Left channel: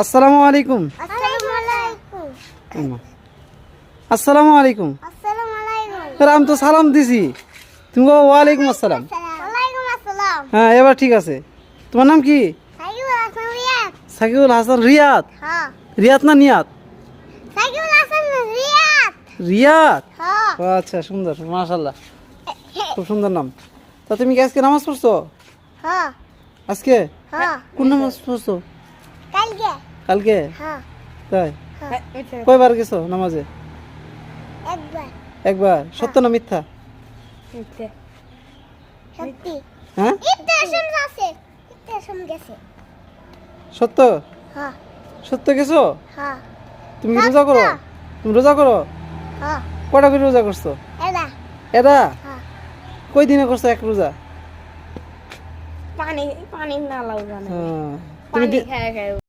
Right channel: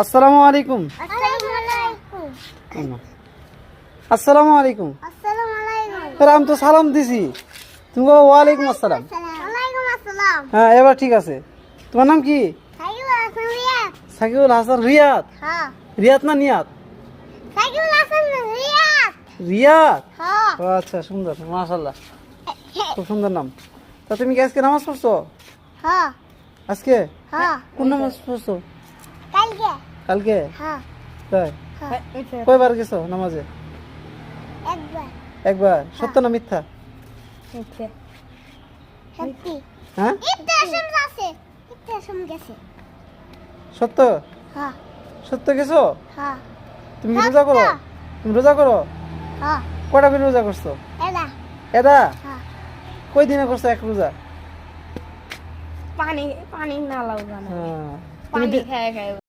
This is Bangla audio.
আসসালামু আলাইকুম। আসসালামু আলাইকুম। আমি তো সালাম দিছি, তুমি বলো ওয়ালাইকুম আসসালাম। হ্যাঁ, এবার ঠিক আছে। তোমার নাম কি? সাকিবুল হাসান রিয়াদ। রিয়াদ না নিয়াদ? রিয়াদ। ও আচ্ছা, সুন্দর, মাশাআল্লাহ, খুব সুন্দর নাম। তা তুমি কি আজকে নামাজ পড়ছো? আজকে কোন নামাজ পড়ছো? কালকে। তাই? কয়বার গেছো নামাজে? একবার। সত্য না মিথ্যা? হ্যাঁ, সত্য। সত্য গেছো? তুমি কি রোজা করো? তুমি রোজা করো? কটা করে রোজা করছো? এটা কই দিনে করছো এক রোজা? পানি পানি না লাউ জানা হ্যাঁ। পানি খায় খায়